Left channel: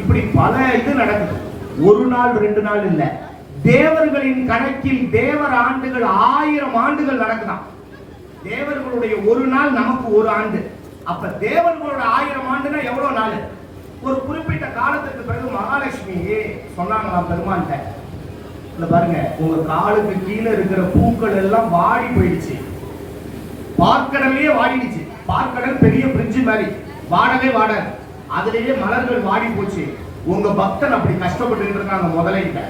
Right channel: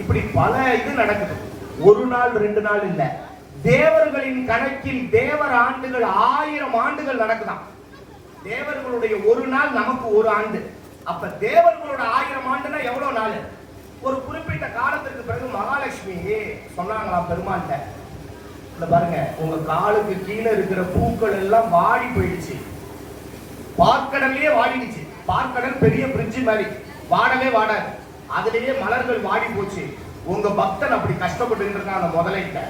இப்படி பல இது நடக்குது. ஒரு நாள் ரெண்டு நாள் இல்ல. தேவர்களின் கணக்கில் தேவர் ஆண்டுகள் ஆயிரம் ஆண்டுகள் நடக்குதாம் தேவர்களுடைய ஒரு நாள் நமக்கு ஒரு ஆண்டு. அப்ப தேவர்களோட ஆயிரம் ஆண்டுனா எவ்வளவு நாள்? ஒரு குறிப்பிட்ட காலத்துக்கு பிறகு மகாலட்சுமி சொன்னாங்களாம் பெருமாள்கிட்ட? பாருங்க உங்க காலுக்கு கீழே இருக்கிற பூக்கள் எல்லாம் வாடி போயிடுச்சு. பார்க்கடலே வாடிடுச்சு. பார்க்கடல் பெரிய பிரிட்ஜ் மாதிரி. வாடவே வாடாது. அதுலயே மலர்கள் வாடி போச்சு உங்க பக்தன் அப்படி கஷ்டப்பட்டு இருக்காங்க முதலைகிட்ட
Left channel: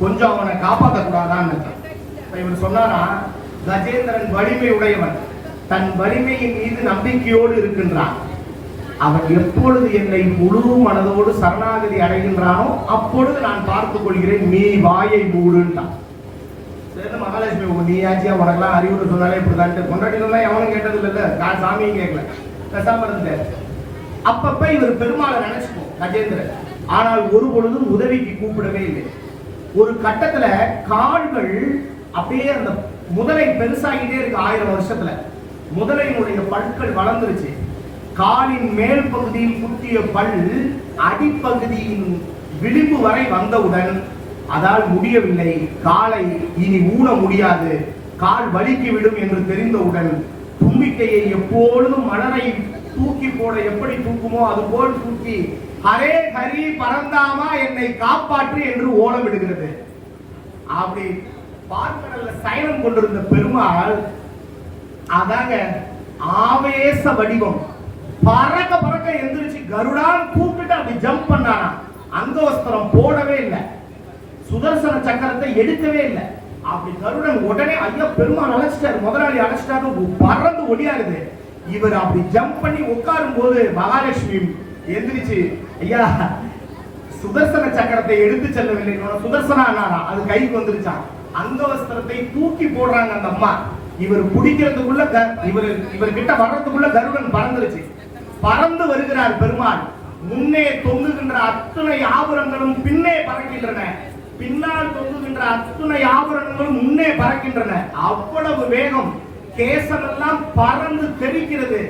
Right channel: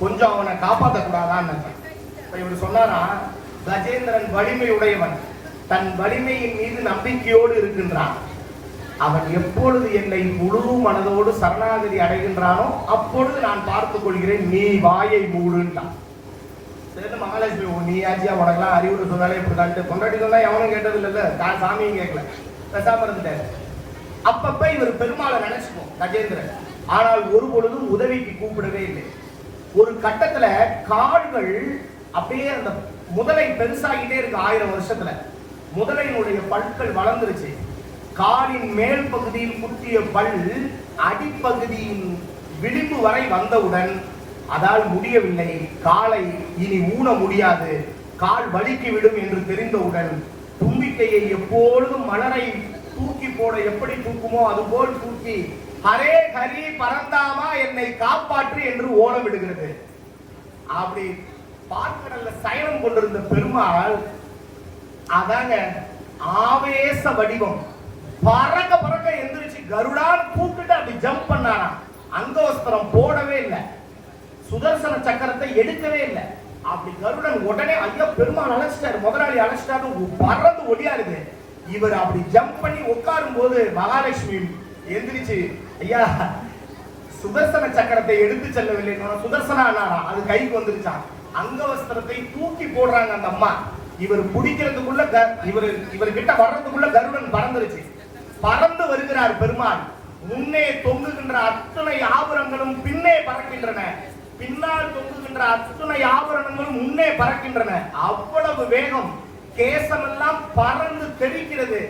கொஞ்சம் அவனை காப்பாற்ற கூடாதான்னு இவர் சொன்னாரா கஜேந்திரன் வலிமை உடையவன் தன் வலிமையின் மீது நம்பிக்கையோடு இருக்கின்றான். அவன் எப்பொழுது என்னை முழு மனதோடு சரணாகதி அடைகின்றானோ அப்பொழுது நான் பார்த்துக் கொள்கிறேன் நீ வாயை மூடுன்றான். மகாலட்சுமி உங்க நீ ஆச்சியா உனக்கெல்லாம் அறிவுரை சொன்னாலே இப்படி கொண்டாடி சொன்னா எவனும் கேட்டது இல்ல. நான் சாமியும் கேட்கல. பேசாம இருந்தேன் அப்பப்ப இவர் பெருமாளை நினைச்சுக்கோ கஜேந்திரன். ஆனால் ஒரு பொழுதும் உதவிக்கு கூப்பிடவே இல்லை. ஒரு கட்டத்துல காடுகள் அப்படியே அந்த முதலை பெருசாகிட்டே இருக்கு ஆயிரம் வருஷத்துல. முதலையினுடைய பற்கள் வளர்ந்துருச்சு. காலின் மேல் பகுதியில் குத்திய பல் அடிப்பகுதியின் விளிம்பு வரை வந்தவுடன் அதால் முடியவில்லை. காலை இனி ஊன முடியாது. கால் வலிக்கு விடும் என்று தெரிந்தவுடன் தும்பிக்கையை எப்பொழுதும் மலரை தூக்கி போட எப்படி தூக்குமோ அதுபோல் தூக்கி ஹரே ஹரி பரந்தாமா என்னை காப்பாற்று என்று ஓல விடுகிறது. அப்படி பார்க்கடல்ல சயனம் கொண்டிருந்த பெருமாள் அதாங்க ஆவேச வடிவம். பறக்க பறக்க எந்திரிச்சு கருடான் கூப்பிட்டு அப்படி ஜம்ப் பண்ணானா அங்கவஸ்திரம் போடவே இல்லை. சுதர்சன சக்கரத்தை எடுக்கவே இல்லை. அப்படி கருடன் உடனே ஐயா பெருமாள் அழைச்சிட்டாரு முதலாளி அழைச்சிட்டாங்க பறந்து ஒடியாருது இவர் அப்படி ஜம்ப் பண்ணி உட்காரும் போது மகாலட்சுமி எந்திரிச்சு ஐயா சுதர்சன சக்கரத்தை எடுத்து செல்லவில்லை சுதர்சனா அது கைக்கு வந்துருச்சான் அங்கவஸ்திரத்தை தூக்கி போடுறாங்க அந்த அம்மா. இவர் பிடிக்கிறதுக்குள்ள க- இவர் இவர்கிட்ட வர்றதுக்குள்ள கருடன் பறந்துருச்சு. பறந்து வருகிறார் பெருமாள். முன்னே தொங்குகின்ற அத்தனை ஆபரங்களும் பின்னே பறக்கின்றன. பின்னால் தொங்குகின்ற அத்துணை ஆபரணங்களும் முன்னே பறக்கின்றன. அவ்வளவு வேகம் கேசமெல்லாம் பறந்து தெரிக்கிறது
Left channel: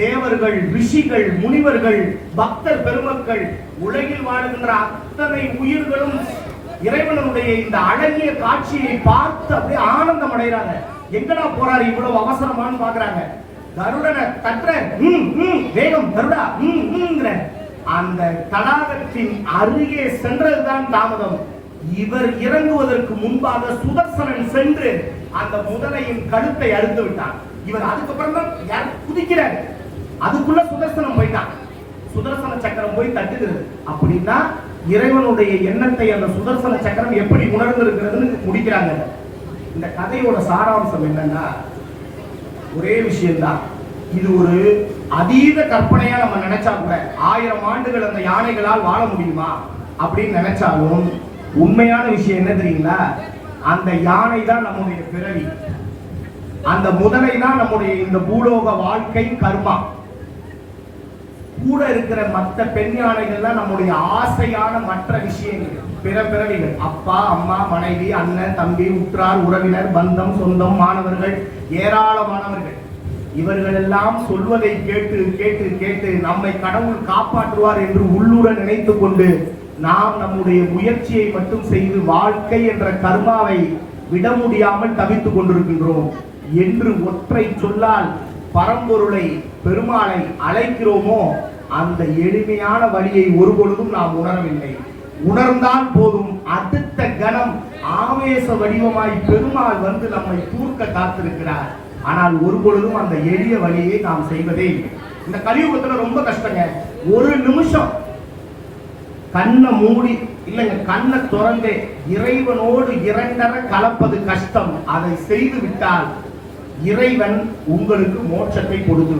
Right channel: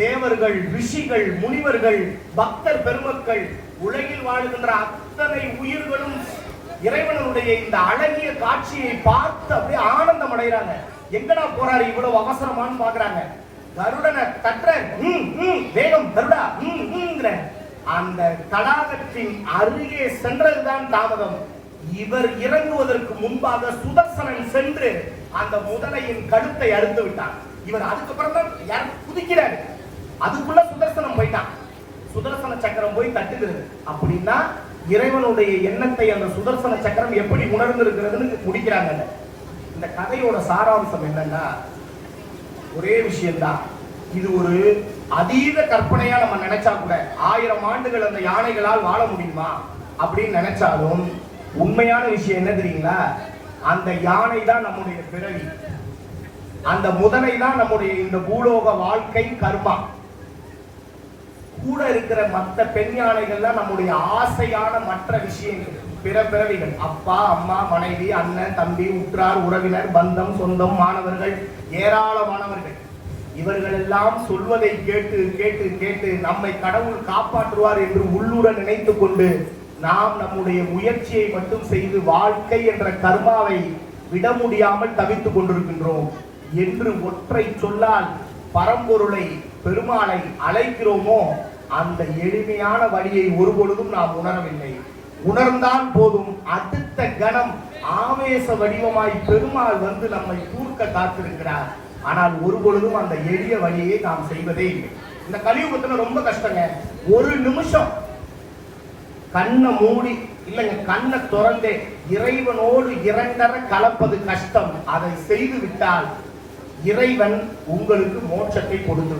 தேவர்கள் ரிஷிகள் முனிவர்கள் பக்தர் பெருமக்கள் உலகில் வாழுகின்ற அத்தனை உயிர்களும் இறைவனுடைய இந்த அழகிய காட்சியை பார்த்து அப்படியே ஆனந்தம் அடைகிறாங்க. எங்கடா போறாரு இவ்வளவு அவசரமான்னு பாக்குறாங்க. கருடனை கற்ற வேகம் கருடா அந்த தடாகத்தின் அருகே சென்றதுதான் தாமதம். இவர் இறங்குவதற்கு முன்பாக சுதர்சனன் சென்று அந்த முதலையின் கழுத்தை அறுத்து விட்டான். இவர் அதுக்கப்புறம் தான் குதிக்கிறார். அதுக்குள்ள சுதர்சனம் போயிட்டான். சுதர்சன சக்கரம் போய் தட்டுகிறது. அப்படின்னா இறைவனுடைய எண்ணத்தை அந்த சுதர்சன சக்கரம் எப்படி உணர்ந்து இருக்கிறதுன்னு முடிக்கிறாங்க. இந்த கதையோட சாராம்சம் என்னன்னா ஒரே விஷயம்தான். இது ஒரு அதீத கற்பனையா நம்ம நினைச்சா கூட ஆயிரம் ஆண்டுகள் அந்த யானைகளால் வாழ முடியுமா? அப்படின்னு நினைச்சாலும் உண்மையான விஷயம் என்ன தெரியுங்களா? அந்த யானை தான் நம்முடைய பிறவி. அந்த முதலை தான் நம்முடைய இந்த பூலோக வாழ்க்கை கர்மா. கூட இருக்கிற மற்ற பெண் யானைகள்லாம் நம்முடைய ஆசையான மற்ற விஷயங்கள் பிற பிறவிகள். அப்பா அம்மா மனைவி அண்ணன் தம்பி உற்றார் உறவினர் பந்தம் சொந்தம் மாணவர்கள் ஏராளமானவர்கள். இவர்கள் எல்லாம் சொல்வதை கேட்டு கேட்டு கேட்டு நம்மை கடவுள் காப்பாற்றுவார் என்று உள்ளூர நினைத்துக் கொண்டு நாம் நம்முடைய முயற்சியை மட்டும் செய்து வாழ்க்கை என்ற கர்மாவை விட முடியாமல் தவித்துக் கொண்டிருக்கின்றோம். என்று ஒற்றை சொல்லால் பரம்பொருளை பெருமாளை அழைக்கிறோமோ அந்த எளிமையான வழியை ஒருபொழுதும் நாம் உணரவில்லை. உணர்ந்தால் போதும் அடுத்த கணம் ஆவேச வடிவமாய் பெருமாள் வந்து நம்மை தூர்க்க காத்திருக்கிறார். ஆனால் ஒரு பொழுதும் அந்த எளிய வழியை நாம் செய்வதே இந்த கலியுகத்துல ரொம்ப கஷ்டங்க. ஒரு நிமிஷம் கண்ணை மூடி இல்லைங்க கண்ணை திறந்தே இறைவனோடு இரண்டர கலப்பது கஷ்டம். அதை செய்து விட்டால் இறைவன் உங்களுக்கு மோட்சத்தை கொடுத்து